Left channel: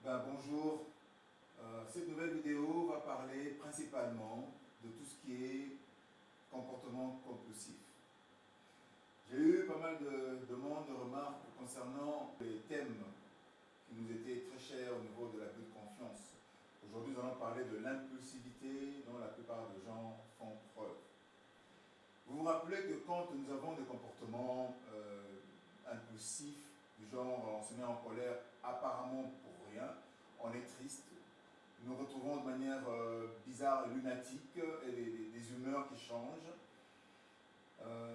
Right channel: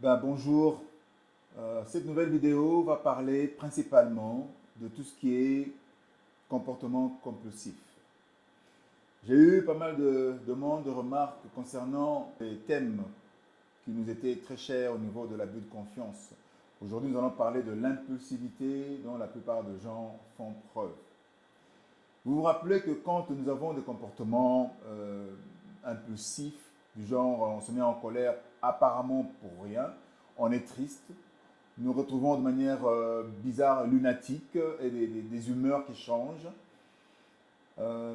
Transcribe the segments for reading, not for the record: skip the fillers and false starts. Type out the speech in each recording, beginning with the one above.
Bonjour. Cette nouvelle vidéo va parler principalement de tout ce qui est comportement compulsif. J'ai eu pas mal de demandes, de remarques concernant les thèmes qui nous étaient très chers au niveau de l'abus de confiance. Aujourd'hui, nous allons parler de l'impulsivité dont la plupart des gens font preuve. Vous vous rappelez que quand nous avons des comportements impulsifs, du genre on se met en colère apparemment pour rien, on est triste, nous retrouvons de manière bizarre, lunatique, et des humeurs qui changent. Euh,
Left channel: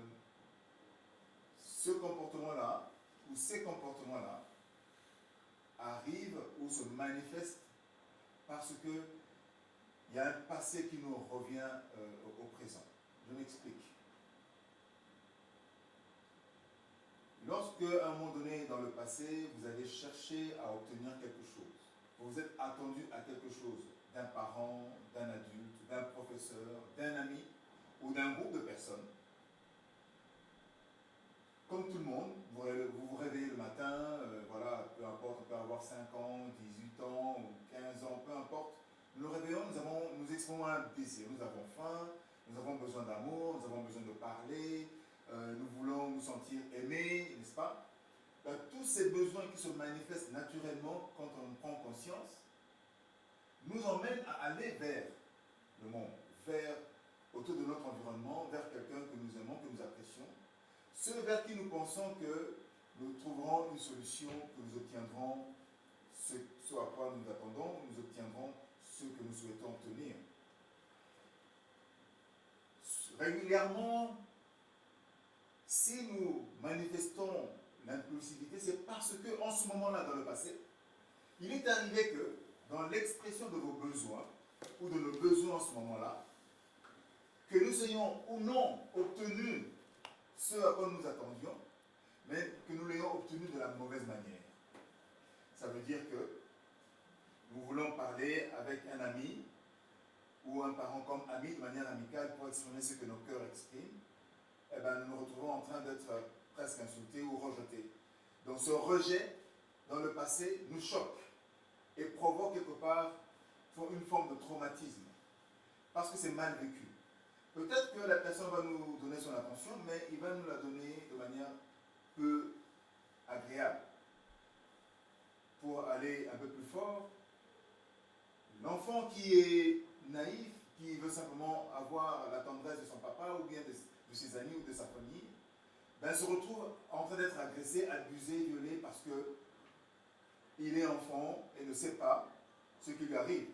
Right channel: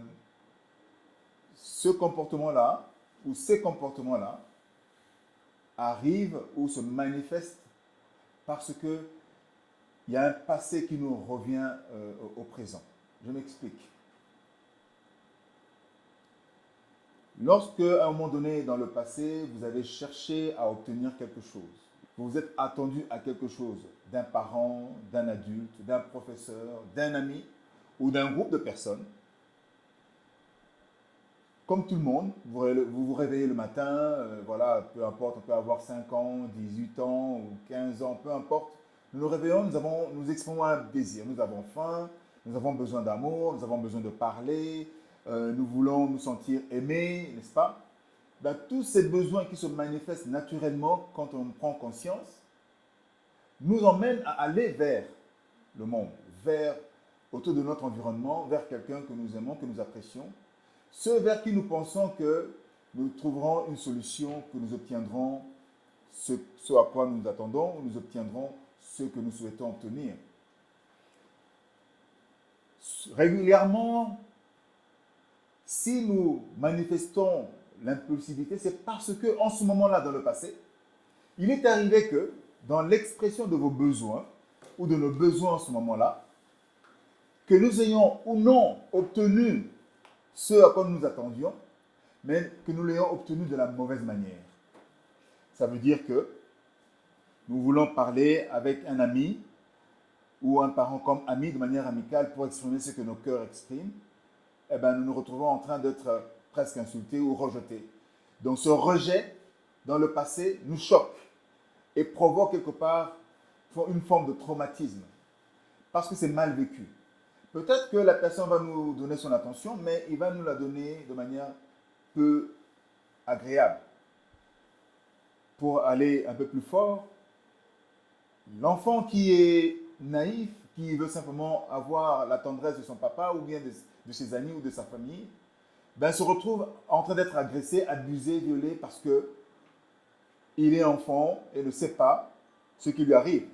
Ce comportement-là, ou ces comportements-là, arrivent ou se manifestent parce qu'il y a un passé qui nous revient au présent. Je m'explique. Lorsque, à un moment donné dans le passé, vous avez cherché à obtenir quelque chose, vous vous êtes attendu à quelque chose d'un parent, d'un adulte, d'un professeur, d'un ami ou d'un groupe de personnes, comme tout le monde, vous vous réveillez le matin, voilà, peu importe, on peut avoir 5 ans, 18 ans ou 15 ans, peu importe. Nous nous réveillons, nous exprimons un désir. Nous avons faim, nous avons besoin d'amour, nous avons besoin de parler, nous voulons nous sentir aimés, n'est-ce pas? Tous ces besoins qui se manifestent naturellement quand on prend conscience nous emmènent à aller vers le monde, vers autour de notre environnement, vers quelqu'un que nous aimons, que nous apprécions, ceux vers qui nous pensons que nous trouverons une solution, que nous obtiendrons ce à quoi nous attendons, ou nous obtiendrons ce que nous souhaitons obtenir. Régulièrement, si nous manifestons l'impulsivité, c'est parce que en ce moment-là, dans le passé, il est arrivé que dans l'expression de vos besoins, ou de nos besoins en ce moment-là, que nous ayons ou non obtenu ce à quoi nous nous attendions, mais que nous l'ayons obtenu de la mauvaise manière. Ça veut dire que nous voulons parler avec un ami ou un parent comme ami de manière amicale pour exprimer ce que nos cœurs expriment, nous nous retrouvons en train d'être presque insultés ou rejetés. Donc ce rejet dans le passé nous choque et provoque quelque part une forme de traumatisme parce que c'est mal vécu. Peut-être que la personne va nous donner son attention, mais il va nous la donner de manière peu agréable. Pour aller un peu plus fort, l'enfant qui est naïf, qui veut simplement avoir la tendresse de son papa ou bien de ses amis ou de sa famille, se retrouve en train d'être agressé, abusé, violé parce que il est enfant et ne sait pas ce qui lui arrive.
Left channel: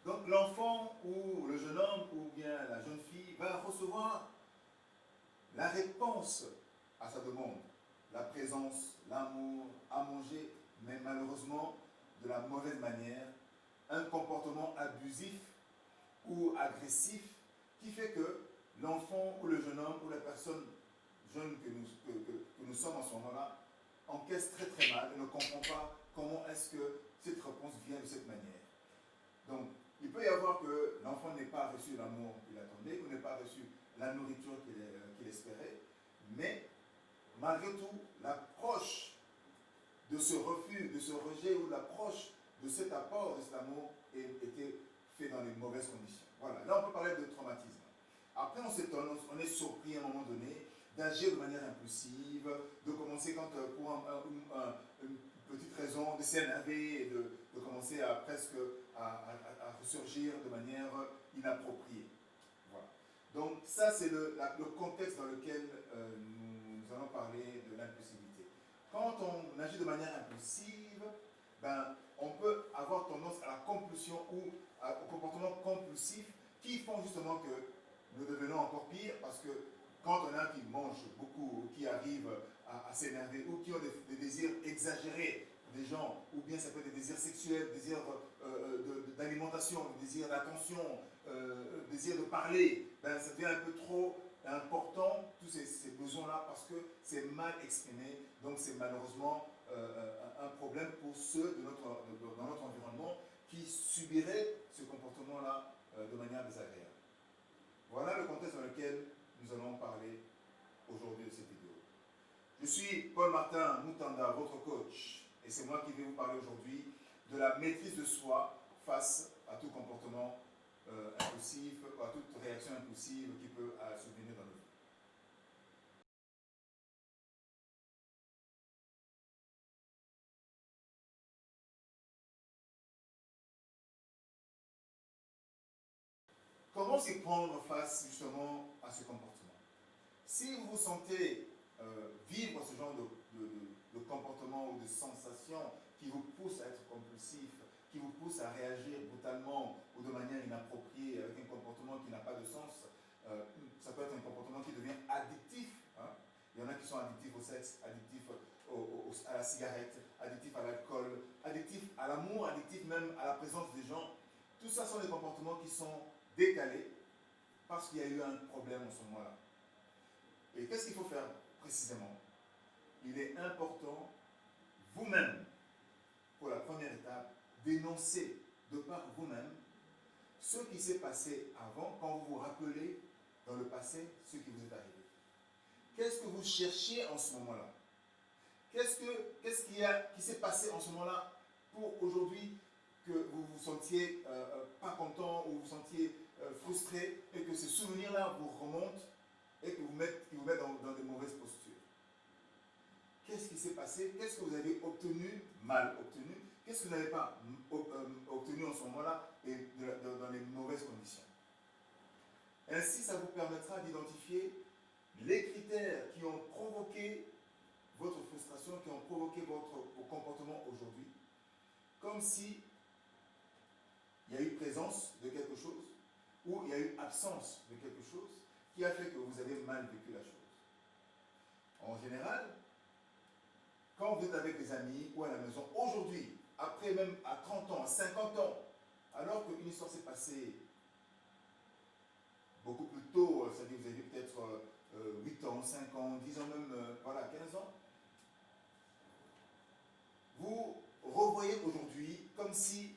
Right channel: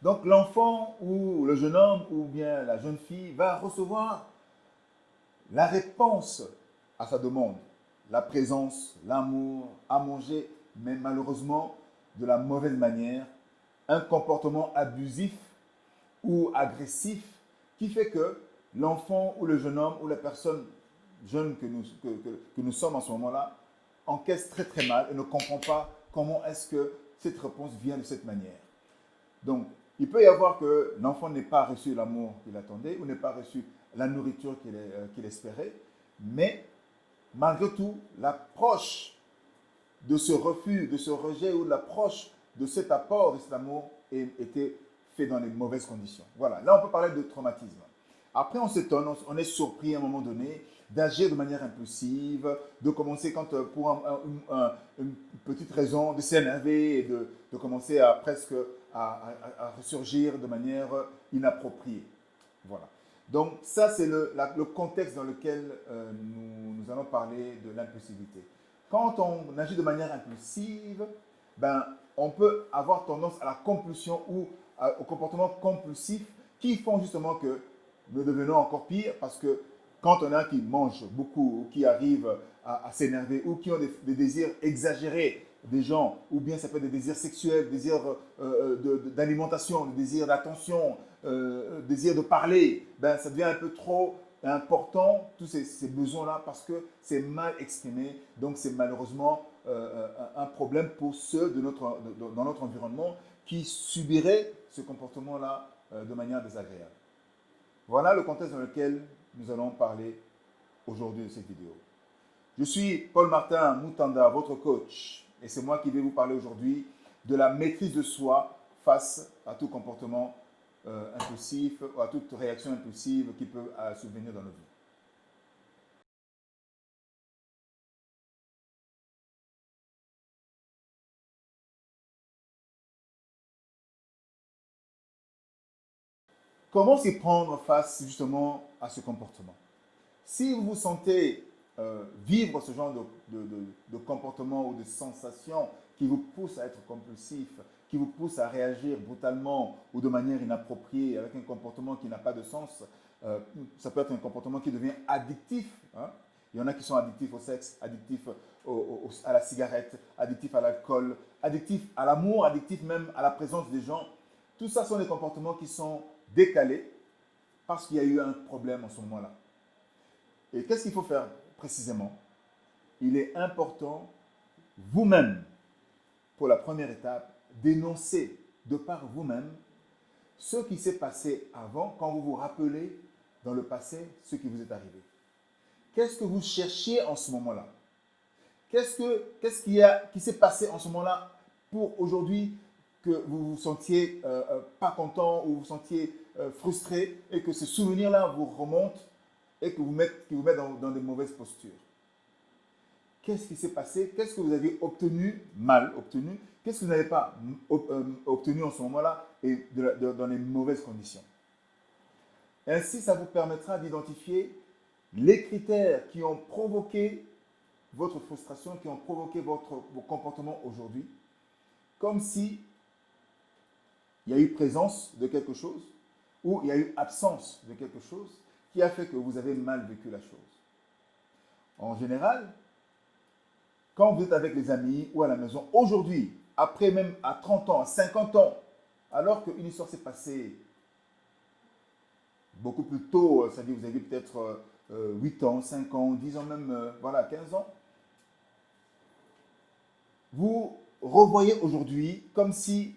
Donc l'enfant ou le jeune homme ou bien la jeune fille va recevoir la réponse à sa demande, la présence, l'amour, à manger, mais malheureusement de la mauvaise manière, un comportement abusif ou agressif qui fait que l'enfant ou le jeune homme ou la personne jeune que nous sommes en ce moment-là encaisse très très mal et ne comprend pas comment est-ce que cette réponse vient de cette manière. Donc, il peut y avoir que l'enfant n'ait pas reçu l'amour qu'il attendait ou n'ait pas reçu la nourriture qu'il espérait, mais malgré tout, l'approche de ce refus, de ce rejet ou l'approche de cet apport, de cet amour était fait dans les mauvaises conditions. Voilà, là on peut parler de traumatisme. Après on s'étonne, on est surpris à un moment donné d'agir de manière impulsive, de commencer quand pour une petite raison, de s'énerver et de commencer à presque à ressurgir de manière inappropriée. Voilà. Donc ça c'est le contexte dans lequel nous allons parler de l'impulsivité. Quand on agit de manière impulsive, on peut avoir tendance à la compulsion ou au comportement compulsif qui font justement que nous devenons encore pire parce que quand on a qui mange beaucoup ou qui arrive à s'énerver ou qui ont des désirs exagérés des gens, ou bien ça peut être des désirs sexuels, des désirs d'alimentation, des désirs d'attention, désir de parler, ça devient un peu trop important, tous ces besoins-là, parce que c'est mal exprimé. Donc c'est malheureusement un problème pour ceux dans notre environnement qui subiraient ce comportement-là de manière désagréable. Voilà le contexte dans lequel nous allons parler aujourd'hui de cette vidéo. Je suis Paul Martin Moutanda, votre coach, et c'est moi qui vais vous parler aujourd'hui de la maîtrise de soi face à tout comportement impulsif ou à toute réaction impulsive qui peut survenir dans nos vies. Comment s'y prendre face justement à ce comportement? Si vous vous sentez vivre ce genre de comportement ou de sensation qui vous pousse à être compulsif, qui vous pousse à réagir brutalement ou de manière inappropriée avec un comportement qui n'a pas de sens, ça peut être un comportement qui devient addictif. Hein. Il y en a qui sont addictifs au sexe, addictifs à la cigarette, addictifs à l'alcool, addictifs à l'amour, addictifs même à la présence des gens. Tout ça sont des comportements qui sont décalés parce qu'il y a eu un problème en ce moment-là. Et qu'est-ce qu'il faut faire précisément? Il est important, vous-même, pour la première étape, d'énoncer de par vous-même ce qui s'est passé avant, quand vous vous rappelez dans le passé ce qui vous est arrivé. Qu'est-ce que vous cherchiez en ce moment-là? Qu'est-ce qui s'est passé en ce moment-là pour aujourd'hui que vous vous sentiez pas content ou vous vous sentiez frustré et que ce souvenir-là vous remonte et que vous met dans de mauvaises postures? Qu'est-ce qui s'est passé? Qu'est-ce que vous avez obtenu, mal obtenu? Qu'est-ce que vous n'avez pas obtenu en ce moment-là et dans les mauvaises conditions? Ainsi, ça vous permettra d'identifier les critères qui ont provoqué votre frustration, qui ont provoqué vos comportements aujourd'hui, comme si il y a eu présence de quelque chose ou il y a eu absence de quelque chose qui a fait que vous avez mal vécu la chose. En général, quand vous êtes avec les amis ou à la maison, aujourd'hui, après même à 30 ans, à 50 ans, alors qu'une histoire s'est passée beaucoup plus tôt, c'est-à-dire vous avez peut-être 8 ans, 5 ans, 10 ans même, voilà, 15 ans, vous revoyez aujourd'hui comme si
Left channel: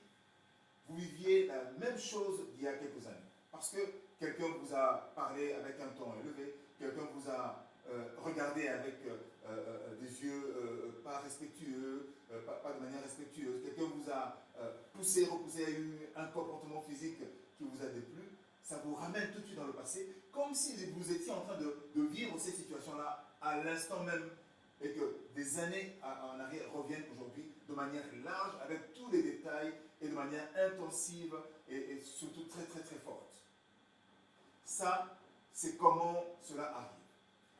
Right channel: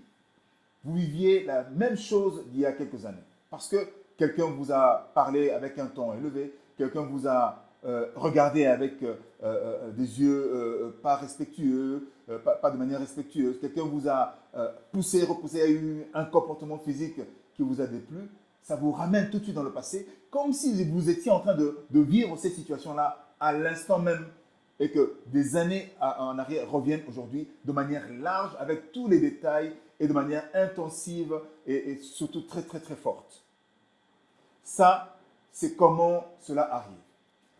vous viviez la même chose d'il y a quelques années. Parce que quelqu'un vous a parlé avec un ton élevé, quelqu'un vous a regardé avec des yeux pas respectueux, pas de manière respectueuse, quelqu'un vous a poussé, repoussé, a eu un comportement physique qui vous a déplu, ça vous ramène tout de suite dans le passé, comme si vous étiez en train de vivre cette situation-là à l'instant même et que des années en arrière reviennent aujourd'hui de manière large, avec tous les détails et de manière intensive et surtout très très très forte. Ça, c'est comment cela arrive.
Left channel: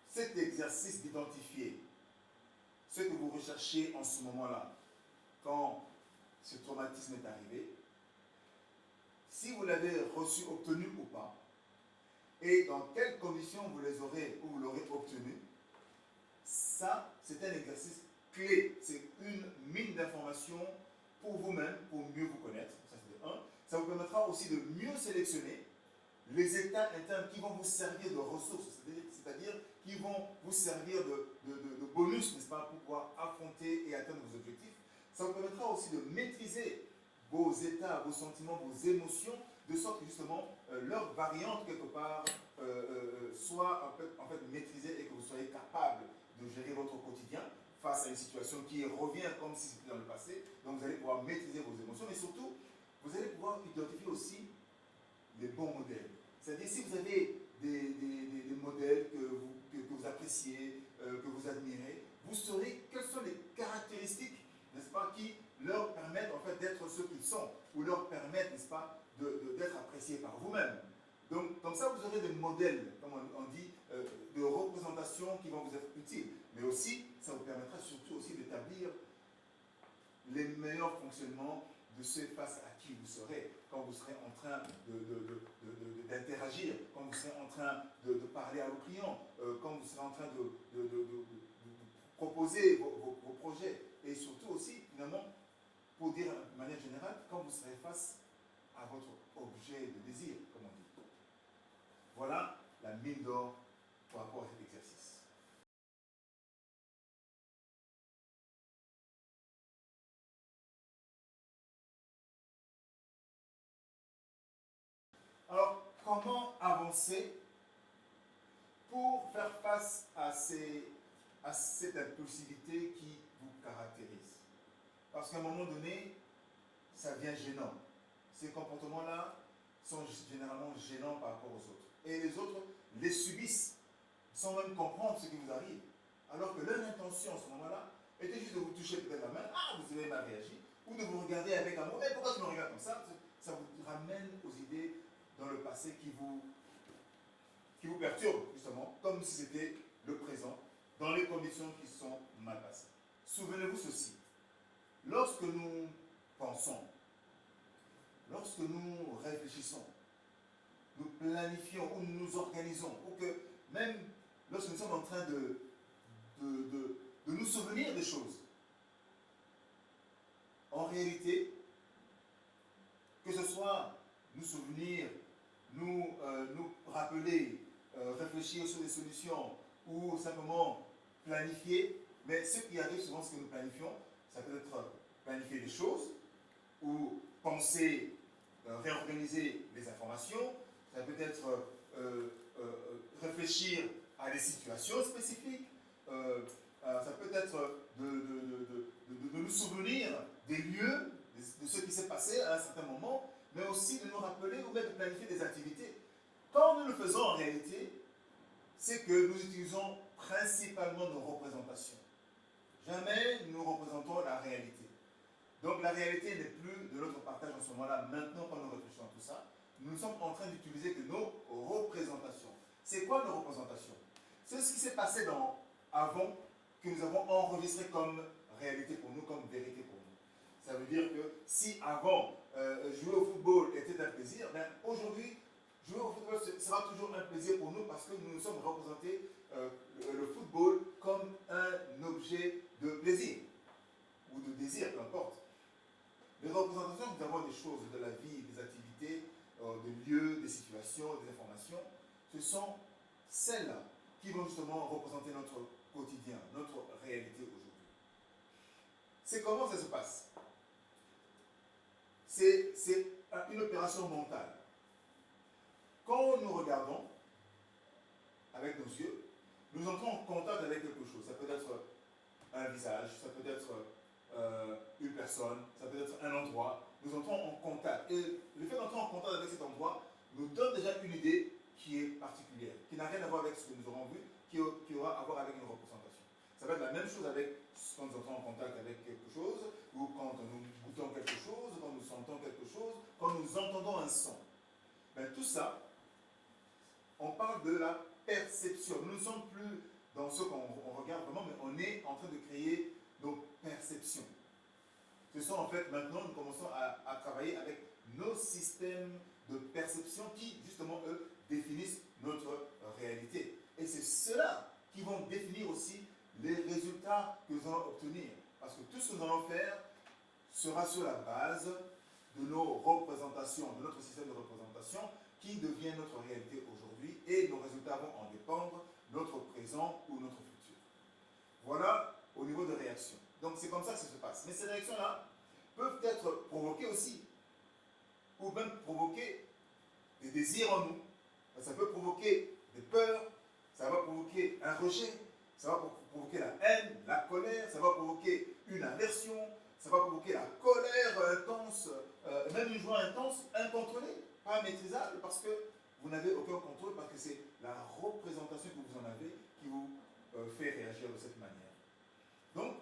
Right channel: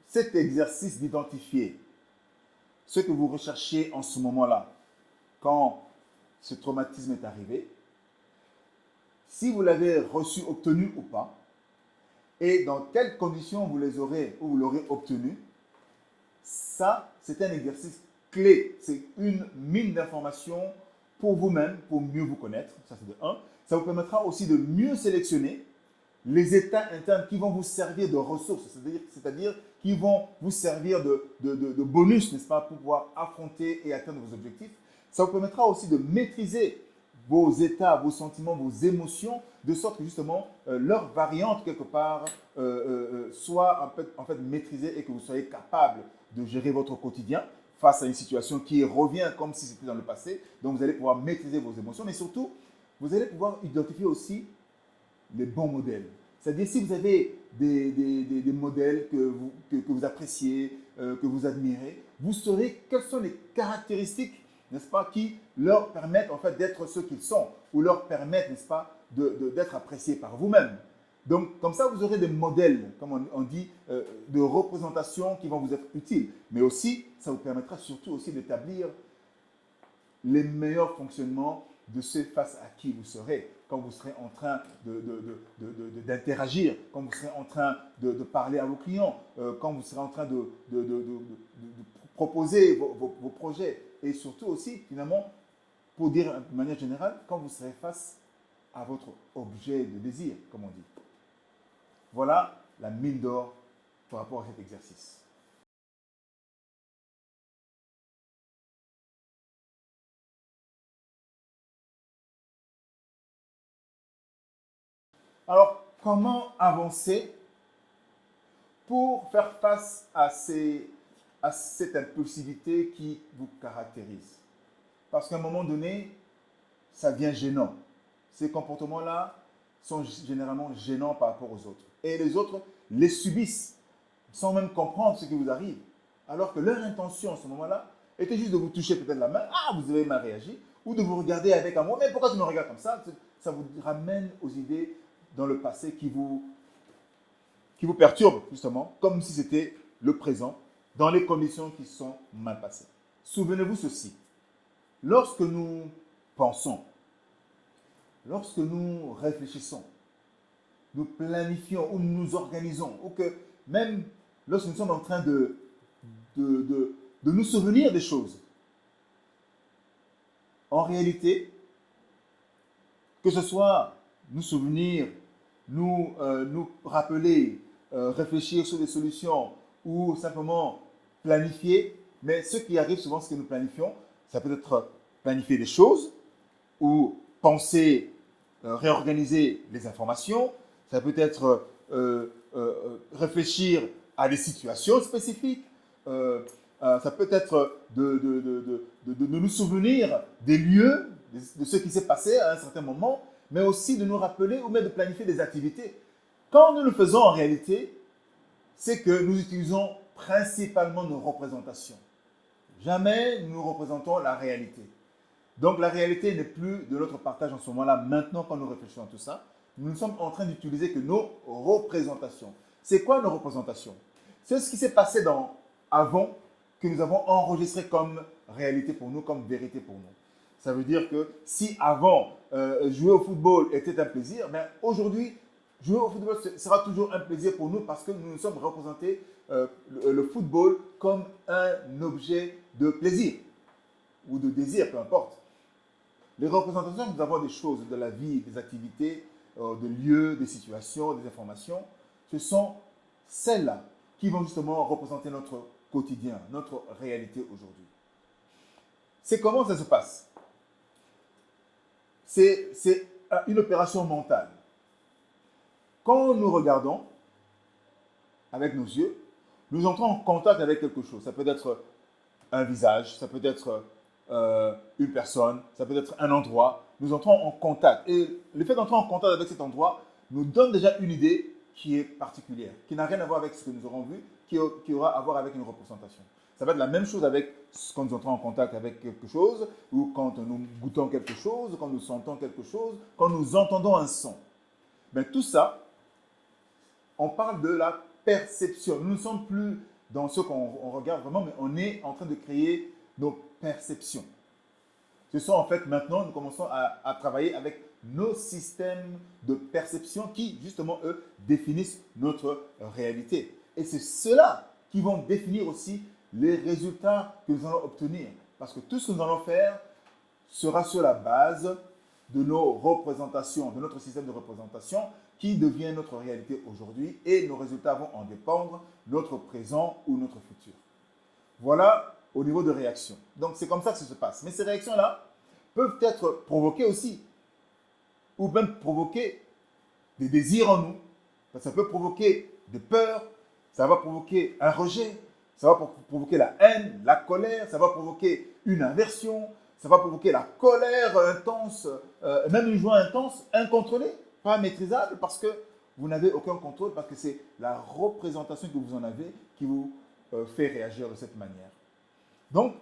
Cet exercice d'identifier ce que vous recherchiez en ce moment-là, quand ce traumatisme est arrivé, si vous l'avez reçu, obtenu ou pas, et dans quelles conditions vous les aurez ou vous l'aurez obtenu, ça, c'est un exercice clé. C'est une mine d'informations pour vous-même, pour mieux vous connaître. Ça, c'est de 1. Ça vous permettra aussi de mieux sélectionner les états internes qui vont vous servir de ressources, c'est-à-dire qui vont vous servir de bonus, n'est-ce pas, pour pouvoir affronter et atteindre vos objectifs. Ça vous permettra aussi de maîtriser vos états, vos sentiments, vos émotions, de sorte que justement leur variante quelque part soit en fait maîtrisée et que vous soyez capable de gérer votre quotidien face à une situation qui revient comme si c'était dans le passé. Donc vous allez pouvoir maîtriser vos émotions, mais surtout, vous allez pouvoir identifier aussi les bons modèles. C'est-à-dire si vous avez des modèles que vous appréciez, que vous admirez, vous saurez quelles sont les caractéristiques, n'est-ce pas, qui leur permettent en fait d'être ceux qu'ils sont, ou leur permettent, n'est-ce pas, d'être appréciés par vous-même. Donc, comme ça, vous aurez des modèles, comme on dit, de représentation qui vont vous être utiles. Mais aussi, ça vous permettra surtout aussi d'établir les meilleurs fonctionnements de ceux face à qui vous serez, quand vous serez en train d'interagir, quand vous serez en train de parler à vos clients, quand vous serez en train de proposer vos projets. Et surtout aussi, finalement, pour dire de manière générale, quand vous serez face à votre objet de désir, comme on dit. Voilà la mine d'or par rapport à cet exercice. Alors, comment avancer pour faire face à cette impulsivité qui vous caractérise? Parce qu'à un moment donné, ça devient gênant. Ces comportements-là sont généralement gênants par rapport aux autres. Et les autres les subissent sans même comprendre ce qui vous arrive. Alors que leur intention à ce moment-là était juste de vous toucher peut-être la main, ah, vous avez mal réagi, ou de vous regarder avec amour, mais pourquoi tu me regardes comme ça? Ça vous ramène aux idées dans le passé qui vous perturbent, justement, comme si c'était le présent, dans les conditions qui sont mal passées. Souvenez-vous ceci, lorsque nous pensons, lorsque nous réfléchissons, nous planifions ou nous nous organisons, ou que même lorsque nous sommes en train de nous souvenir des choses, en réalité, que ce soit nous souvenir, nous rappeler, réfléchir sur des solutions ou simplement planifier, mais ce qui arrive souvent, ce que nous planifions, ça peut être planifier des choses ou penser, réorganiser les informations, ça peut être réfléchir à des situations spécifiques, ça peut être de nous souvenir des lieux, de ce qui s'est passé à un certain moment, mais aussi de nous rappeler ou même de planifier des activités. Quand nous le faisons en réalité, c'est que nous utilisons principalement nos représentations. Jamais nous représentons la réalité. Donc la réalité n'est plus de notre partage en ce moment-là. Maintenant, quand nous réfléchissons à tout ça, nous sommes en train d'utiliser que nos représentations. C'est quoi nos représentations? C'est ce qui s'est passé avant, que nous avons enregistré comme réalité pour nous, comme vérité pour nous. Ça veut dire que si avant, jouer au football était un plaisir, mais aujourd'hui, jouer au football sera toujours un plaisir pour nous parce que nous nous sommes représentés le football comme un objet de plaisir ou de désir, peu importe. Les représentations que nous avons des choses, de la vie, des activités, des lieux, des situations, des informations, ce sont celles-là qui vont justement représenter notre quotidien, notre réalité aujourd'hui. C'est comment ça se passe? C'est une opération mentale. Quand nous regardons avec nos yeux, nous entrons en contact avec quelque chose. Ça peut être un visage, ça peut être une personne, ça peut être un endroit. Nous entrons en contact. Et le fait d'entrer en contact avec cet endroit nous donne déjà une idée qui est particulière, qui n'a rien à voir avec ce que nous aurons vu, qui aura à voir avec une représentation. Ça va être la même chose avec quand nous entrons en contact avec quelque chose, ou quand nous goûtons quelque chose, quand nous sentons quelque chose, quand nous entendons un son. Mais tout ça, on parle de la perception. Nous ne sommes plus dans ce qu'on regarde vraiment, mais on est en train de créer nos perceptions. Ce sont en fait maintenant, nous commençons à travailler avec nos systèmes de perception qui, justement, eux, définissent notre réalité. Et c'est ceux-là qui vont définir aussi les résultats que nous allons obtenir. Parce que tout ce que nous allons faire sera sur la base de nos représentations, de notre système de représentation qui devient notre réalité aujourd'hui et nos résultats vont en dépendre, notre présent ou notre futur. Voilà au niveau de réaction. Donc c'est comme ça que ça se passe. Mais ces réactions-là peuvent être provoquées aussi, ou même provoquer des désirs en nous. Ça peut provoquer des peurs, ça va provoquer un rejet, ça va provoquer la haine, la colère, ça va provoquer une aversion, ça va provoquer la colère intense, même une joie intense, incontrôlée, pas maîtrisable, parce que vous n'avez aucun contrôle, parce que c'est la représentation que vous en avez qui vous fait réagir de cette manière. Donc,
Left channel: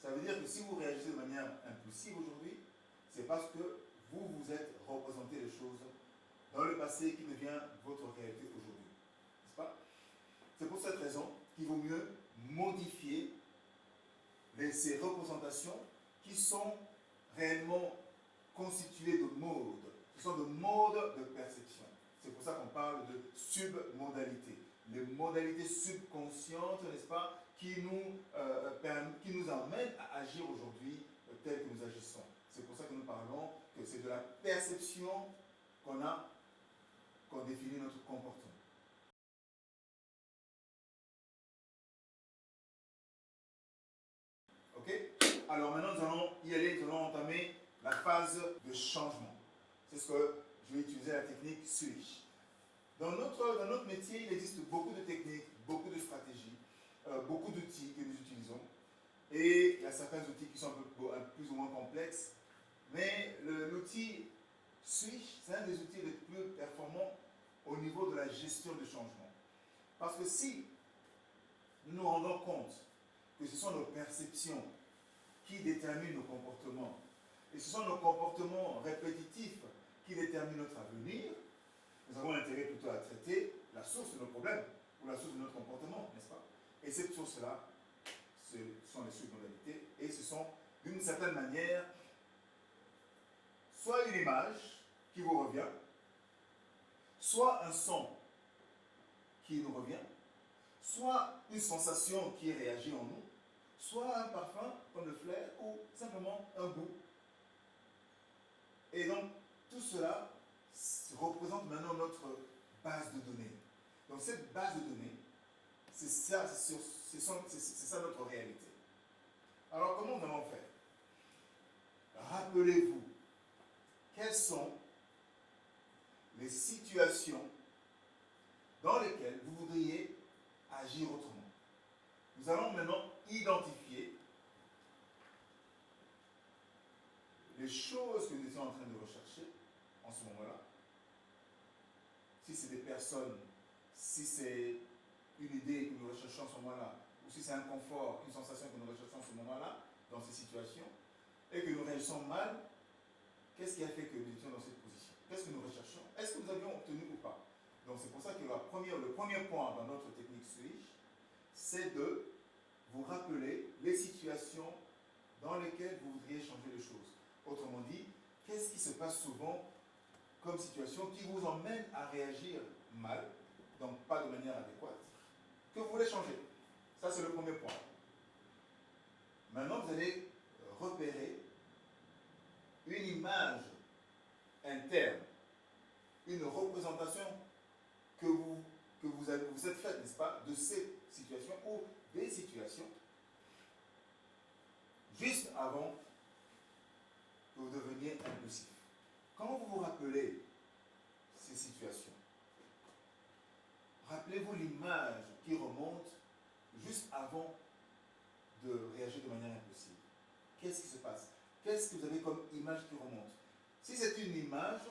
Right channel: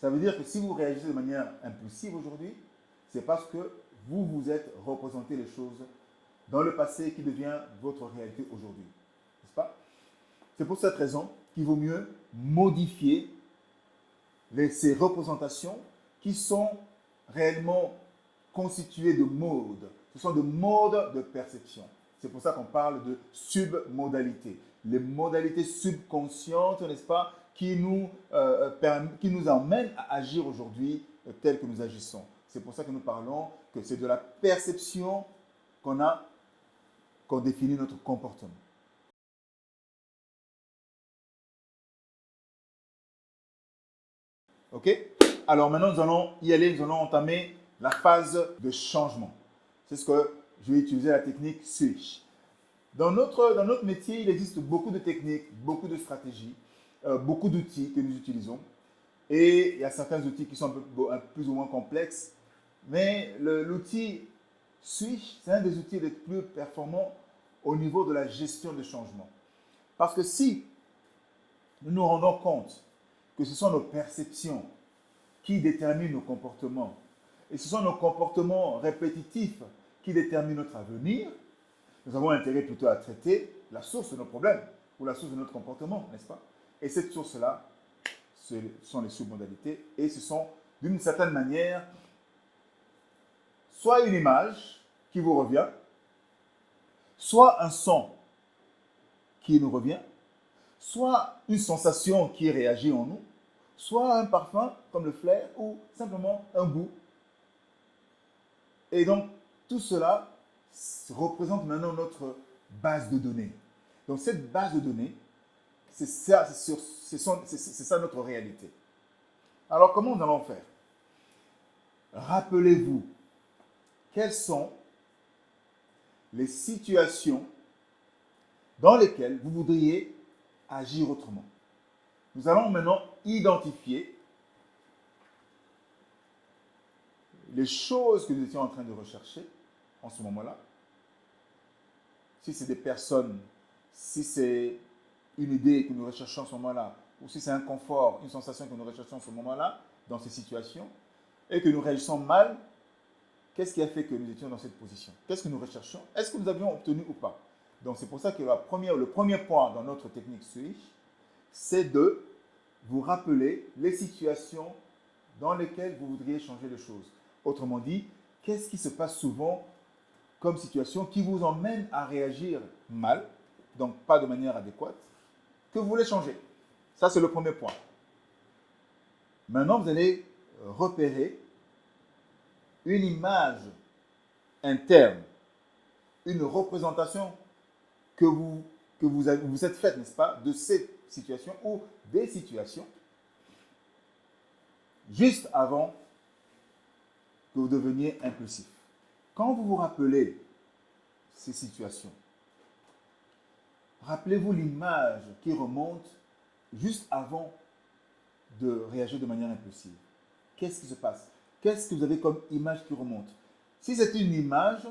ça veut dire que si vous réagissez de manière impulsive aujourd'hui, c'est parce que vous vous êtes représenté les choses dans le passé qui devient votre réalité aujourd'hui. N'est-ce pas? C'est pour cette raison qu'il vaut mieux modifier ces représentations qui sont réellement constituées de modes. Ce sont des modes de perception. C'est pour ça qu'on parle de submodalité. Les modalités subconscientes, n'est-ce pas, qui nous emmènent à agir aujourd'hui tel que nous agissons. C'est pour ça que nous parlons que c'est de la perception qu'on définit notre comportement. Ok? Alors maintenant, nous allons y aller, nous allons entamer la phase de changement. C'est ce que je vais utiliser la technique switch. Dans notre métier, il existe beaucoup de techniques, beaucoup de stratégies, beaucoup d'outils que nous utilisons. Et il y a certains outils qui sont un peu plus ou moins complexes. Mais l'outil Switch, c'est un des outils les plus performants au niveau de la gestion de changement. Parce que si nous nous rendons compte que ce sont nos perceptions qui déterminent nos comportements, et ce sont nos comportements répétitifs qui déterminent notre avenir, nous avons intérêt plutôt à traiter la source de nos problèmes, ou la source de notre comportement, n'est-ce pas? Et cette source-là, ce sont les submodalités, et ce sont, d'une certaine manière, soit une image qui vous revient, soit un son qui nous revient, soit une sensation qui réagit en nous, soit un parfum comme le flair, ou simplement un goût. Et donc, tout cela représente maintenant notre base de données. Donc, cette base de données, c'est ça, c'est ça notre réalité. Alors, comment nous allons faire? Rappelez-vous, quelles sont les situations dans lesquelles vous voudriez agir autrement. Nous allons maintenant identifier les choses que nous étions en train de rechercher en ce moment-là. Si c'est des personnes, si c'est une idée que nous recherchons en ce moment-là, ou si c'est un confort, une sensation que nous recherchons en ce moment-là, dans ces situations, et que nous réagissons mal, qu'est-ce qui a fait que nous étions dans cette position? Qu'est-ce que nous recherchons? Est-ce que nous avions obtenu ou pas? Donc c'est pour ça que le premier point dans notre technique Switch, c'est de vous rappeler les situations dans lesquelles vous voudriez changer les choses. Autrement dit, qu'est-ce qui se passe souvent comme situation qui vous emmène à réagir mal, donc pas de manière adéquate, que vous voulez changer? Ça, c'est le premier point. Maintenant, vous allez repérer une image interne, une représentation que vous êtes faite, n'est-ce pas, de ces situations ou des situations juste avant que vous deveniez impulsif. Quand vous vous rappelez ces situations, rappelez-vous l'image qui remonte juste avant de réagir de manière impulsive. Qu'est-ce qui se passe? Qu'est-ce que vous avez comme image qui remonte? Si c'est une image,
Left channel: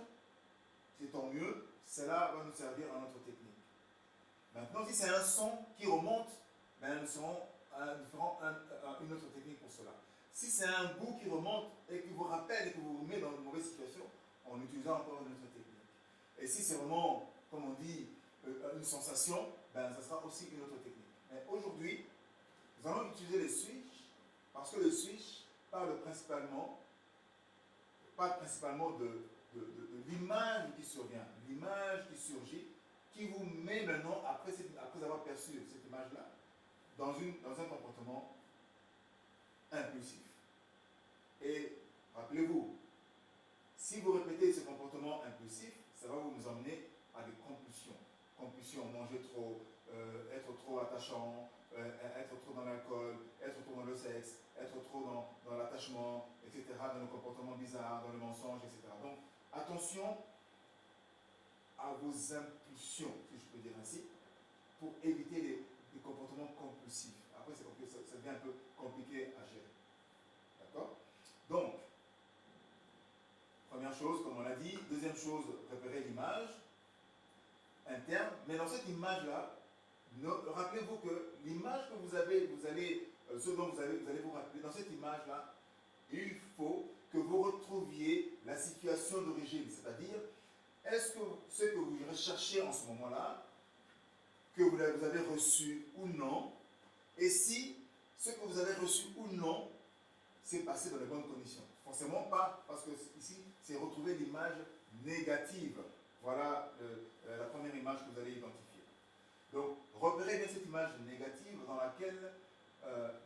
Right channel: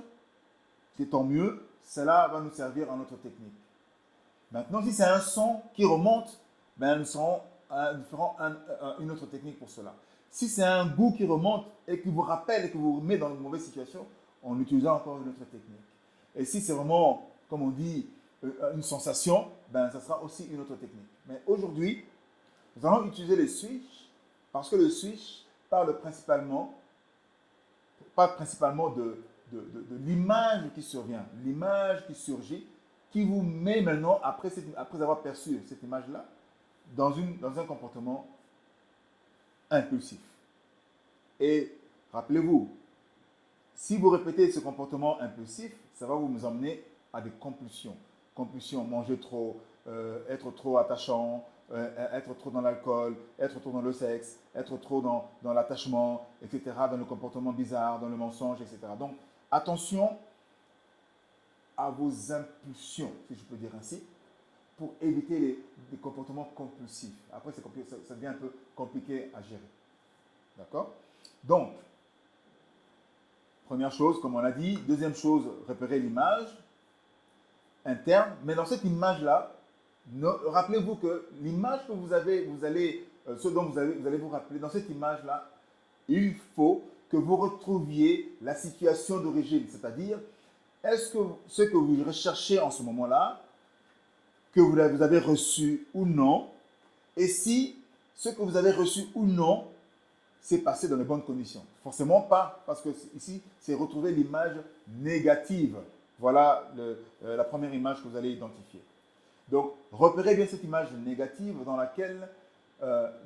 c'est tant mieux, cela va nous servir à notre technique. Maintenant, si c'est un son qui remonte, ben nous ferons une autre technique pour cela. Si c'est un goût qui remonte et qui vous rappelle et qui vous met dans une mauvaise situation, on utilisera encore une autre technique. Et si c'est vraiment, comme on dit, une sensation, ben ça sera aussi une autre technique. Mais aujourd'hui, nous allons utiliser le switch parce que le switch parle principalement de l'image qui survient, l'image qui surgit, qui vous met maintenant, après avoir perçu cette image-là, dans un comportement impulsif. Et rappelez-vous, si vous répétez ce comportement impulsif, ça va vous emmener à des compulsions. Compulsions, manger trop, être trop attachant, être trop dans l'alcool, être trop dans le sexe, être trop dans l'attachement, etc., dans le comportement bizarre, dans le mensonge, etc. Donc, attention à vos impulsions, si je peux dire ainsi, pour éviter les comportements compulsifs. Après, ça devient un peu compliqué à gérer. D'accord? Donc, première chose, comme on l'a dit. Deuxième chose, repérer l'image interne. Mais dans cette image-là, rappelez-vous que l'image que ce dont vous allez vous rappeler, dans cette image-là, il faut que vous retrouviez la situation d'origine. C'est-à-dire, est-ce que ce que vous recherchez en ce moment-là, que vous avez reçu ou non, et si ce que vous avez reçu ou non s'est passé dans les bonnes conditions. Forcément pas, parce que ici, c'est retrouver l'image négative. Voilà la première image que vous allez identifier. Donc, repérez bien cette image négative dans laquelle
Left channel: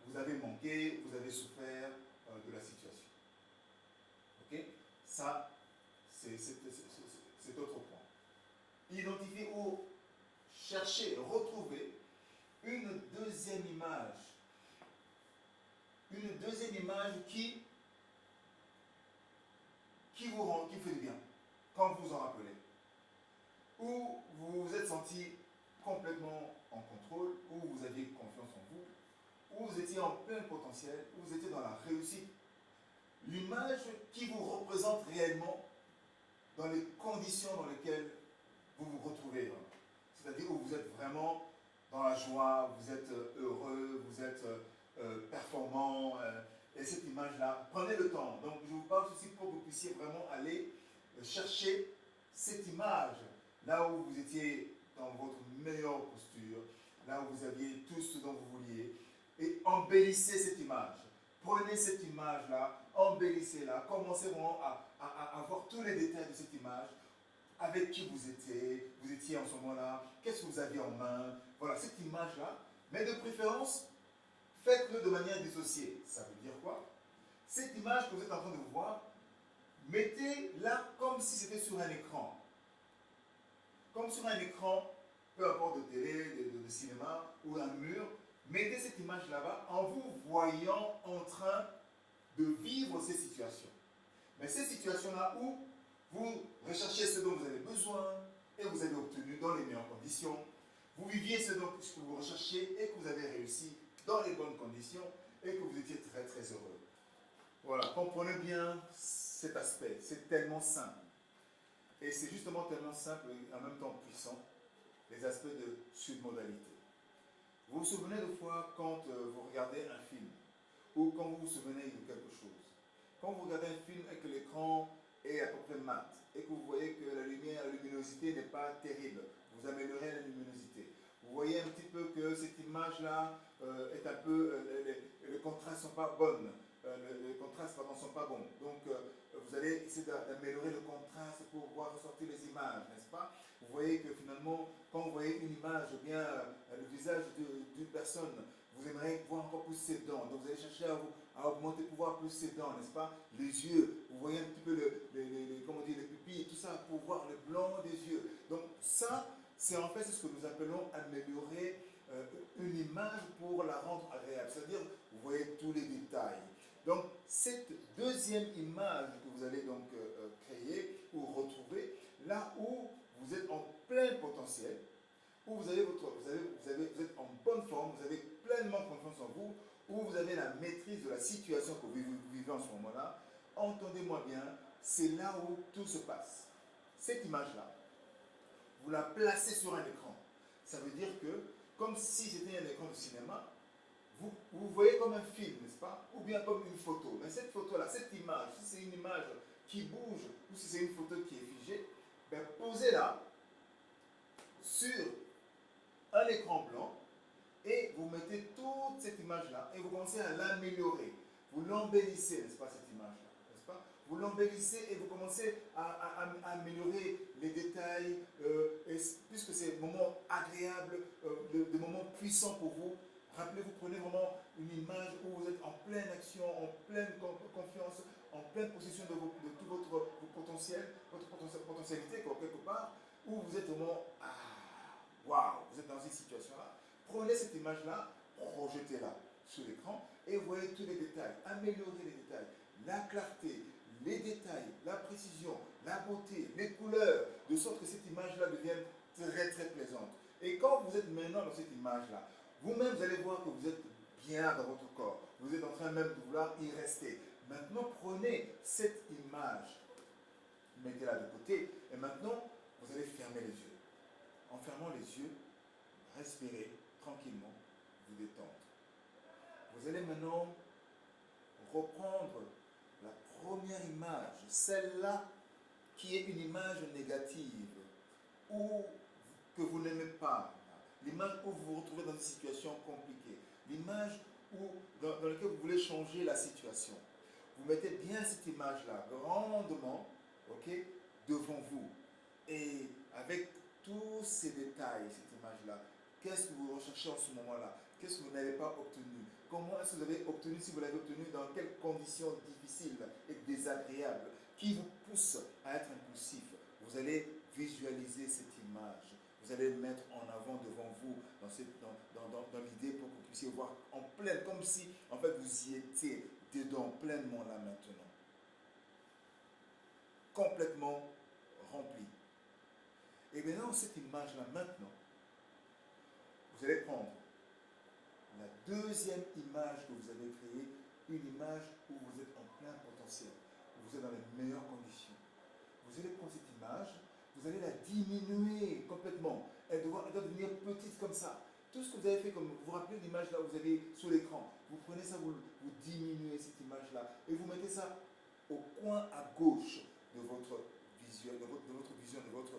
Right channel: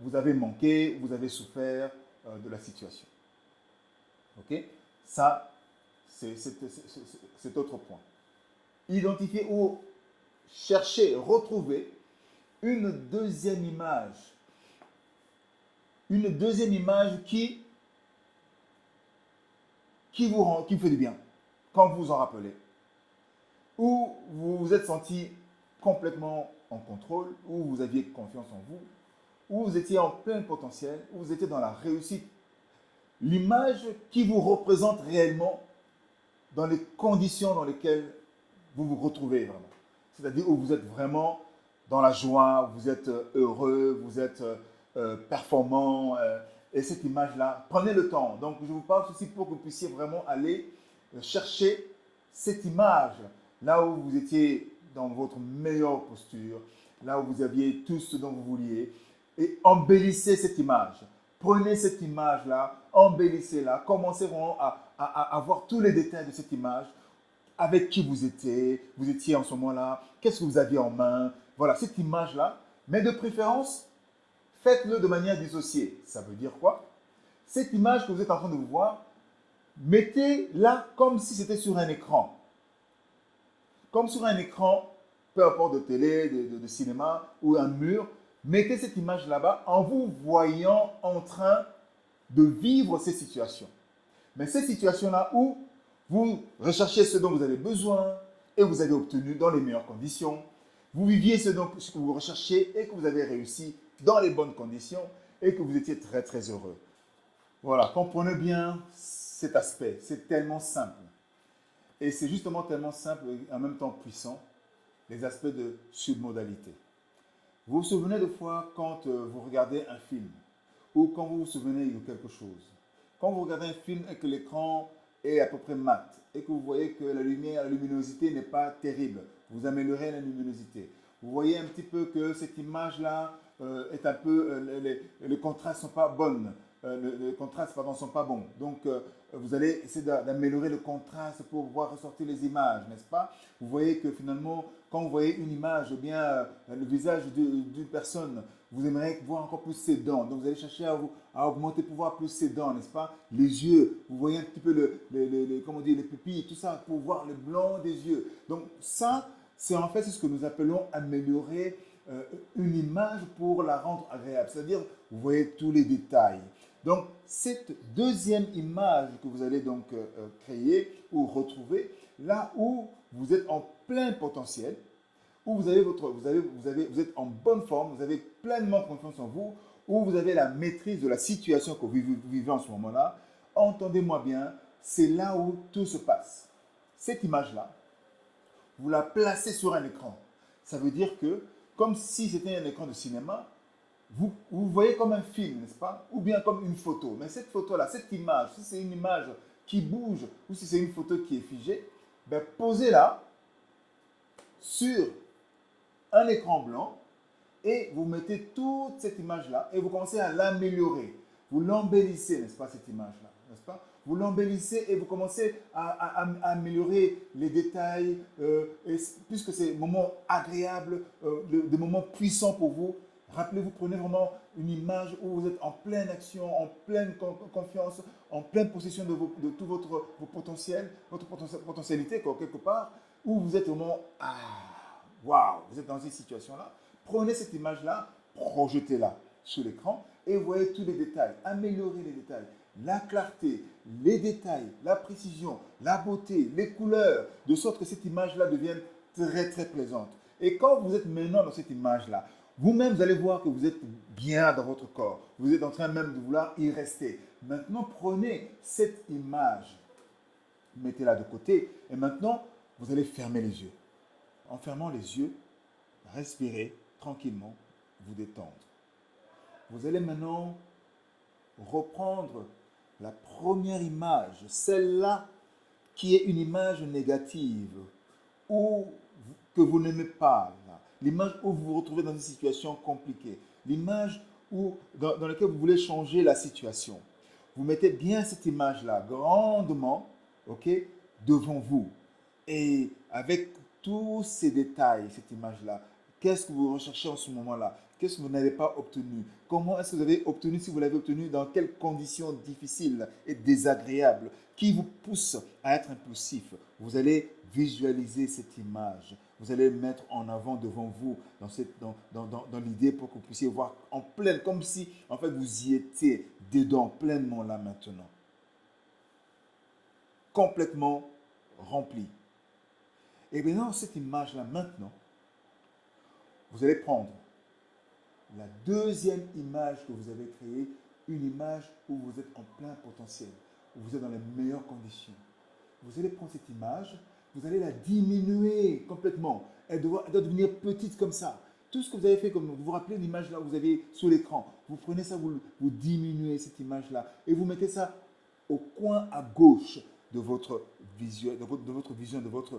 vous avez manqué, vous avez souffert de la situation. Ok? Ça, c'est autre point. Identifier ou chercher, retrouver une deuxième image. Une deuxième image qui vous fait du bien, quand vous vous en rappelez. Où vous vous êtes senti complètement en contrôle, où vous aviez confiance en vous, où vous étiez en plein potentiel, où vous étiez dans la réussite. l'image qui vous représente réellement dans les conditions dans lesquelles vous vous retrouvez. C'est-à-dire où vous êtes vraiment dans la joie, vous êtes heureux, vous êtes performant. Et cette image-là, prenez le temps. Donc, je vous parle ceci pour que vous puissiez vraiment aller chercher cette image, là où vous étiez dans votre meilleure posture, là où vous aviez tout ce dont vous vouliez, et embellissez cette image. Prenez cette image-là, embellissez-la, commencez vraiment à voir tous les détails de cette image, avec qui vous étiez en ce moment-là, qu'est-ce que vous aviez en main, voilà, cette image-là, mais de préférence, faites-le de manière dissociée. Ça veut dire quoi? Cette image que vous êtes en train de voir, mettez-la comme si c'était sur un écran. Comme sur un écran, peu importe de télé, de cinéma ou un mur, mettez cette image là-bas en vous voyant en train de vivre ces situations. Mais ces situations-là où vous recherchez ce dont vous avez besoin et vous avez obtenu dans les meilleures conditions. Vous viviez ce que vous recherchez et que vous avez réussi dans les bonnes conditions et que vous étiez très très heureux. Voilà, comprenez bien cet aspect. C'est tellement simple. Et c'est justement tellement simple et en même temps puissant, les aspects de submodalité. Vous vous souvenez de fois quand vous regardez un film ou quand vous vous souvenez de quelque chose. Quand vous regardez un film et que l'écran est à peu près mat et que vous voyez que la lumière, la luminosité n'est pas terrible, vous améliorez la luminosité. Vous voyez un petit peu que cette image-là est un peu, les contrastes ne sont pas bonnes, les contrastes pardon, ne sont pas bons. Donc vous allez essayer d'améliorer le contraste pour pouvoir ressortir les images, n'est-ce pas? Vous voyez que finalement, quand vous voyez une image, ou bien le visage d'une personne, vous aimeriez voir encore plus ses dents. Donc vous allez chercher à augmenter pour voir plus ses dents, n'est-ce pas? Les yeux, vous voyez un petit peu comment dire, les pupilles, tout ça, pour voir le blanc des yeux. Donc ça, c'est en fait ce que nous appelons améliorer une image pour la rendre agréable. C'est-à-dire, vous voyez tous les détails. Donc cette deuxième image que vous allez donc créer ou retrouver, là où vous êtes en plein potentiel, où vous êtes en bonne forme, vous avez pleinement confiance en vous, où vous avez la maîtrise de la situation que vous vivez en ce moment-là, entendez-moi bien, c'est là où tout se passe. Cette image-là, vous la placez sur un écran. Ça veut dire que, comme si c'était un écran de cinéma, vous voyez comme un film, n'est-ce pas? Ou bien comme une photo. Mais cette photo-là, cette image, si c'est une image qui bouge ou si c'est une photo qui est figée, ben posez-la sur un écran blanc et vous mettez toute cette image-là et vous commencez à l'améliorer. Vous l'embellissez, n'est-ce pas, cette image-là, n'est-ce pas? Vous l'embellissez et vous commencez à améliorer les détails, puisque c'est des moments agréables, des moments puissants pour vous. Rappelez-vous, prenez vraiment une image où vous êtes en pleine action, en pleine confiance, en pleine possession de tout votre potentiel, votre potentialité, quelque part, où vous êtes vraiment, waouh, vous êtes dans cette situation-là. Prenez cette image-là, projetez-la sur l'écran et vous voyez tous les détails. Améliorez les détails, la clarté, les détails, la précision, la beauté, les couleurs, de sorte que cette image-là devienne très très plaisante. Et quand vous êtes maintenant dans cette image-là, vous-même vous allez voir que vous êtes bien dans votre corps. Vous êtes en train même de vouloir y rester. Maintenant, prenez cette image, mettez-la de côté et maintenant, vous allez fermer les yeux. En fermant les yeux, respirez tranquillement, vous détendre. Vous allez maintenant reprendre la première image, celle-là qui est une image négative ou que vous n'aimez pas, l'image où vous vous retrouvez dans une situation compliquée, l'image dans laquelle vous voulez changer la situation. Vous mettez bien cette image-là grandement, ok, devant vous et avec tous ces détails, cette image-là. Qu'est-ce que vous recherchez en ce moment-là? Qu'est-ce que vous n'avez pas obtenu? Comment est-ce que vous avez obtenu, si vous l'avez obtenu, dans quelles conditions difficiles et désagréables qui vous poussent à être impulsif? Vous allez visualiser cette image. Vous allez mettre en avant devant vous dans l'idée pour que vous puissiez voir en pleine, comme si en fait vous y étiez dedans pleinement là maintenant. Complètement rempli. Et bien dans cette image-là maintenant, vous allez prendre la deuxième image que vous avez créée une image où vous êtes en plein potentiel, où vous êtes dans les meilleures conditions. Vous allez prendre cette image, vous allez la diminuer complètement. Elle doit devenir petite comme ça. Tout ce que vous avez fait, comme vous vous rappelez l'image là que vous avez sur l'écran, vous prenez ça, vous diminuez cette image-là et vous mettez ça au coin à gauche de votre vision, de votre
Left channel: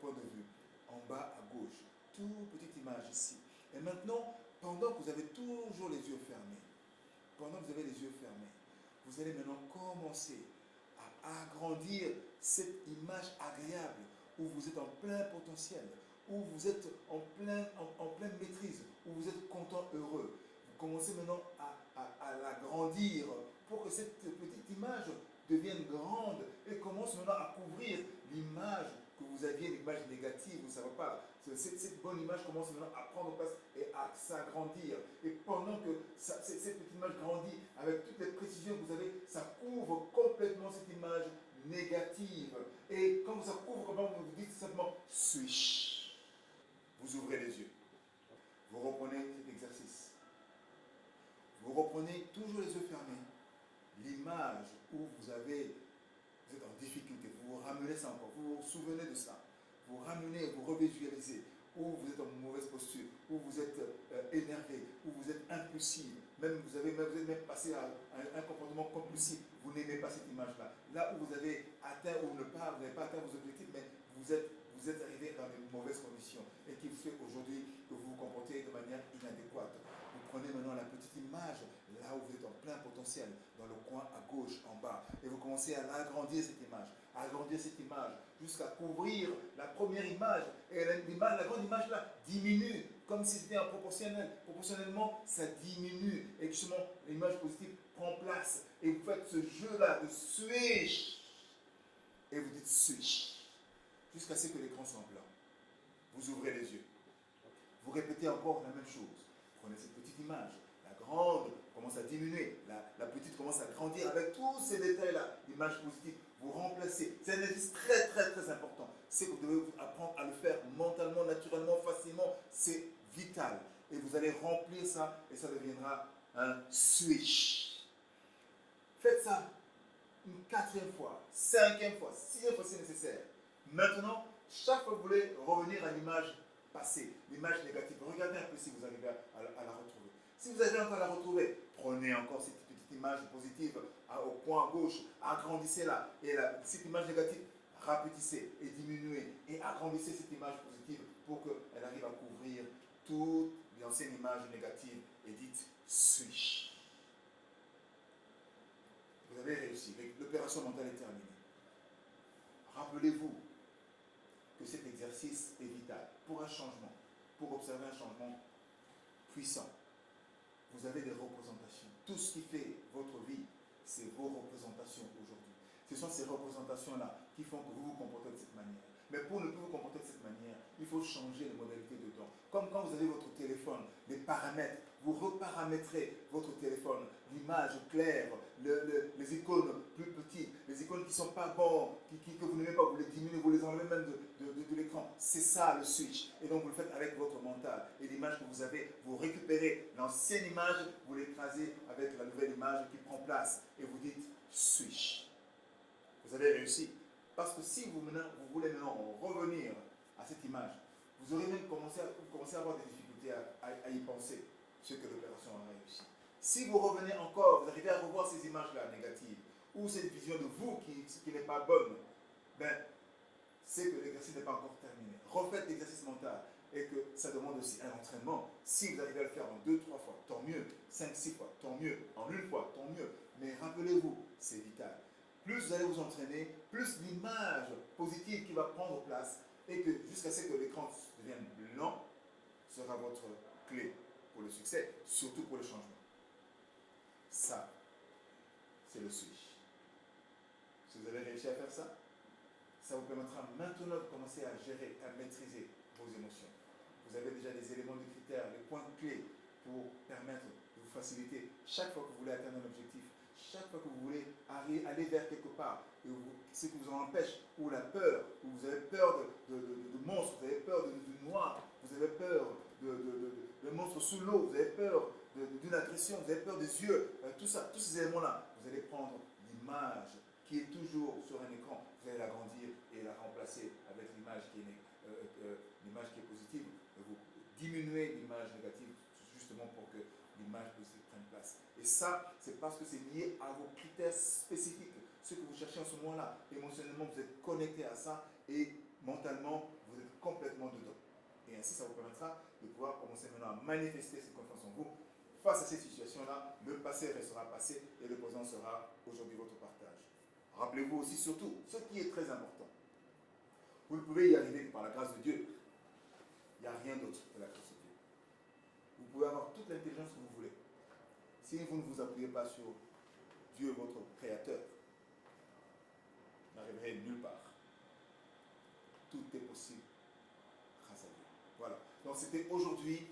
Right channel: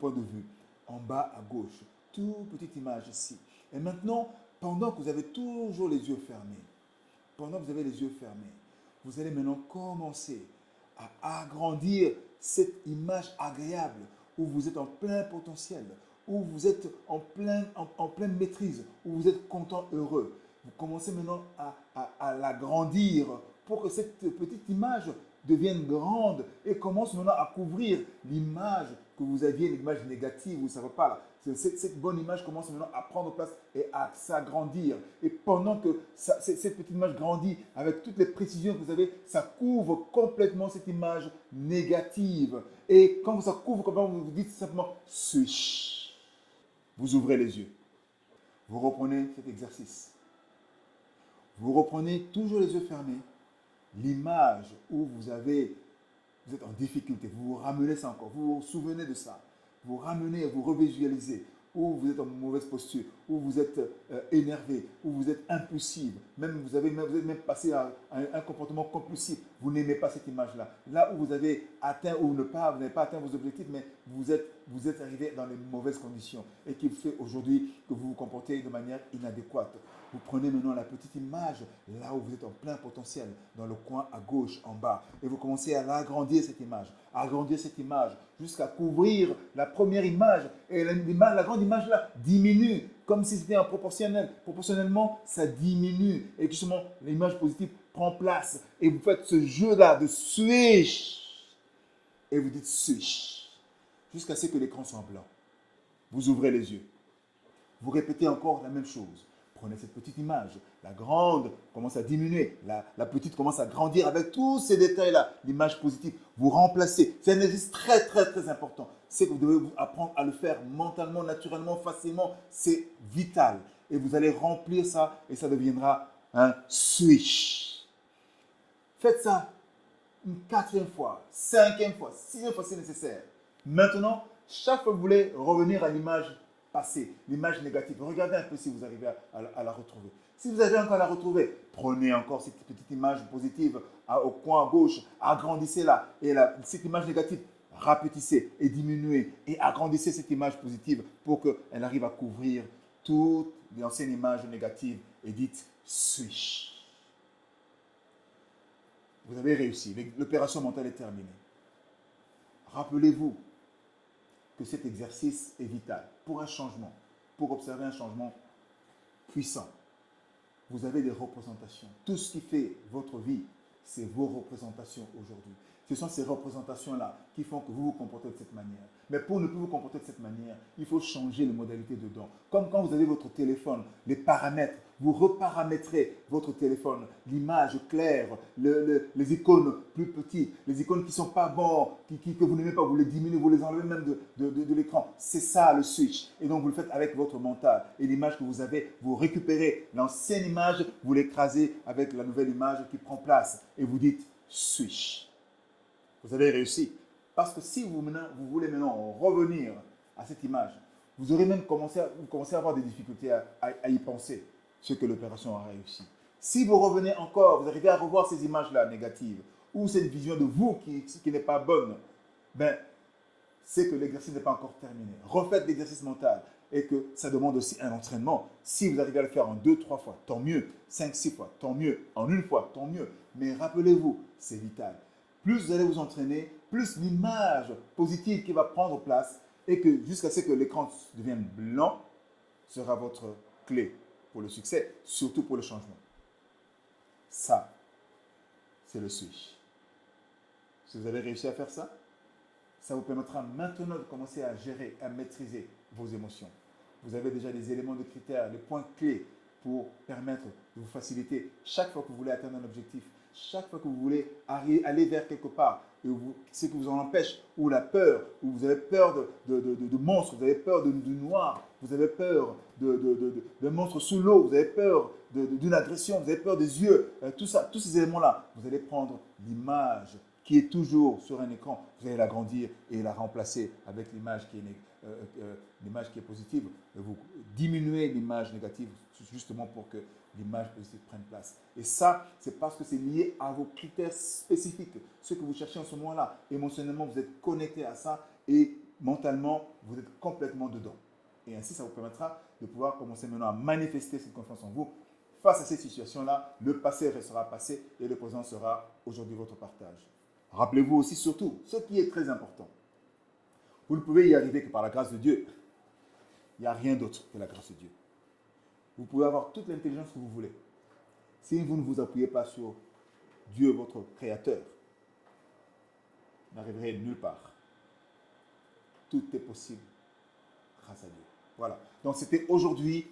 point de vue, en bas à gauche. Toute petite image ici. Et maintenant, pendant que vous avez toujours les yeux fermés, vous allez maintenant commencer à agrandir cette image agréable où vous êtes en plein potentiel, où vous êtes en pleine maîtrise, où vous êtes content, heureux. Vous commencez maintenant à l'agrandir pour que cette petite image devienne grande et commence maintenant à couvrir l'image que vous aviez, l'image négative, vous ne savez pas. Cette bonne image commence maintenant à prendre place et à s'agrandir. Et pendant que cette petite image grandit avec toutes les précisions que vous avez, ça couvre complètement cette image négative. Et quand ça couvre complètement, vous dites simplement switch. Vous ouvrez les yeux. Vous reprenez cet exercice. Vous reprenez toujours les yeux fermés. L'image où vous êtes en difficulté, vous vous ramenez ça encore, vous vous souvenez de ça, vous ramenez, vous revisualisez, où vous êtes en mauvaise posture, où vous êtes énervé, où vous êtes impulsif, même vous êtes même passé à un comportement compulsif, vous n'aimez pas cette image-là. Là où vous avez atteint ou vous n'avez pas atteint vos objectifs, mais vous êtes arrivé dans les mauvaises conditions et qui fait aujourd'hui que vous vous comportez de manière inadéquate. Vous prenez maintenant la petite image, là où vous êtes en plein potentiel, dans le coin à gauche, en bas, et vous commencez à l'agrandir cette image, jusqu'à couvrir la première image. Et la grande image là diminue, comme si c'était un proportionnel. Proportionnellement, ça diminue. Et justement, l'image positive prend place. Et vous faites ce jeu-là de switch. Et vous dites switch. Jusqu'à ce que l'écran soit blanc. Vous ouvrez les yeux. Vous répétez encore la même chose. Prenez cette petite image, la grande commence à diminuer, la petite commence à grandir avec tous ces détails-là, l'image positive. Vous remplacez, c'est un exercice très très très important. C'est que vous devez apprendre à le faire mentalement, naturellement, facilement, c'est vital. Et vous allez remplir ça et ça deviendra un switch. Faites ça une 4e fois, 5e fois, 6e fois si nécessaire. Maintenant, chaque fois que vous voulez revenir à l'image passée, l'image négative, regardez un peu si vous arrivez à la retrouver. Si vous arrivez encore à la retrouver, prenez encore cette petite image positive au coin à gauche, agrandissez-la. Et cette image négative, rapetissez et diminuez et agrandissez cette image positive pour qu'elle arrive à couvrir toutes les anciennes images négatives et dites switch. Vous avez réussi, l'opération mentale est terminée. Rappelez-vous que cet exercice est vital pour un changement, pour observer un changement puissant. Vous avez des représentations. Tout ce qui fait votre vie, c'est vos représentations aujourd'hui. Ce sont ces représentations-là qui font que vous vous comportez de cette manière. Mais pour ne plus vous comporter de cette manière, il faut changer les modalités dedans. Comme quand vous avez votre téléphone, les paramètres, vous reparamétrez votre téléphone, l'image claire, les icônes plus petites, les icônes qui ne sont pas bonnes, que vous n'aimez pas, vous les diminuez, vous les enlevez même de l'écran. C'est ça le switch. Et donc vous le faites avec votre mental. Et l'image que vous avez, vous récupérez l'ancienne image, vous l'écrasez avec la nouvelle image qui prend place. Et vous dites switch. Vous avez réussi. Parce que si vous voulez maintenant revenir à cette image, vous aurez même commencé à avoir des difficultés à y penser, ce que l'opération a réussi. Si vous revenez encore, vous arrivez à revoir ces images-là négatives, ou cette vision de vous qui n'est pas bonne, ben, c'est que l'exercice n'est pas encore terminé. Refaites l'exercice mental et que ça demande aussi un entraînement. Si vous arrivez à le faire en 2-3 fois, tant mieux. 5-6 fois, tant mieux. En une fois, tant mieux. Mais rappelez-vous, c'est vital. Plus vous allez vous entraîner, plus l'image positive qui va prendre place et que jusqu'à ce que l'écran devienne blanc sera votre clé pour le succès, surtout pour le changement. Ça, c'est le switch. Si vous avez réussi à faire ça, ça vous permettra maintenant de commencer à gérer, à maîtriser vos émotions. Vous avez déjà les éléments de critères, les points clés pour permettre de vous faciliter chaque fois que vous voulez atteindre un objectif. Chaque fois que vous voulez aller vers quelque part, ce qui vous en empêche, ou la peur, ou vous avez peur de monstres, vous avez peur du noir, vous avez peur de monstres sous l'eau, vous avez peur d'une agression, vous avez peur des yeux, tout ça, tous ces éléments-là, vous allez prendre l'image qui est toujours sur un écran, vous allez l'agrandir et la remplacer avec l'image qui est positive. Vous diminuez l'image négative justement pour que l'image positive prenne place. Et ça, c'est parce que c'est lié à vos critères spécifiques, ce que vous cherchez en ce moment-là. Émotionnellement, vous êtes connecté à ça et mentalement, vous êtes complètement dedans. Et ainsi, ça vous permettra de pouvoir commencer maintenant à manifester cette confiance en vous. Face à ces situations-là, le passé restera passé et le présent sera aujourd'hui votre partage. Rappelez-vous aussi surtout, ce qui est très important, vous ne pouvez y arriver que par la grâce de Dieu. Il n'y a rien d'autre que la grâce de Dieu. Vous pouvez avoir toute l'intelligence que vous voulez. Si vous ne vous appuyez pas sur Dieu, votre Créateur, vous n'arriverez nulle part. Tout est possible grâce à Dieu. Voilà. Donc c'était aujourd'hui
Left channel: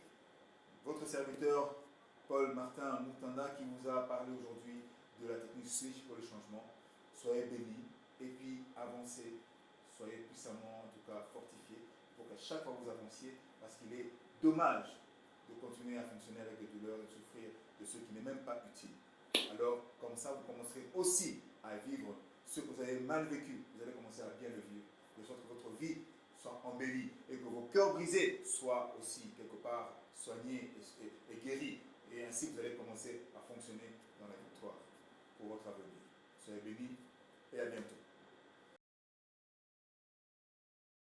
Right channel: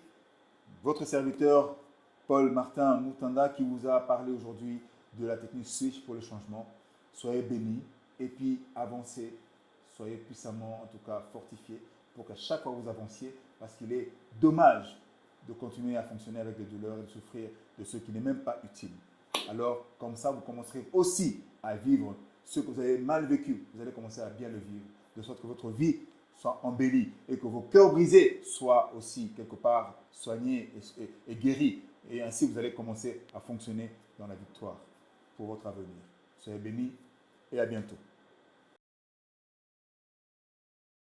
votre serviteur Paul Martin Moutanda qui vous a parlé aujourd'hui de la technique Switch pour le changement. Soyez bénis et puis avancez. Soyez puissamment, en tout cas, fortifiés pour qu'à chaque fois vous avanciez, parce qu'il est dommage de continuer à fonctionner avec des douleurs et de souffrir de ce qui n'est même pas utile. Alors, comme ça, vous commencerez aussi à vivre ce que vous avez mal vécu. Vous allez commencer à bien le vivre, de sorte que votre vie soit embellie et que vos cœurs brisés soient aussi quelque part soignés et guéris. Et ainsi, vous allez commencer à fonctionner dans la victoire pour votre avenir. Soyez bénis et à bientôt.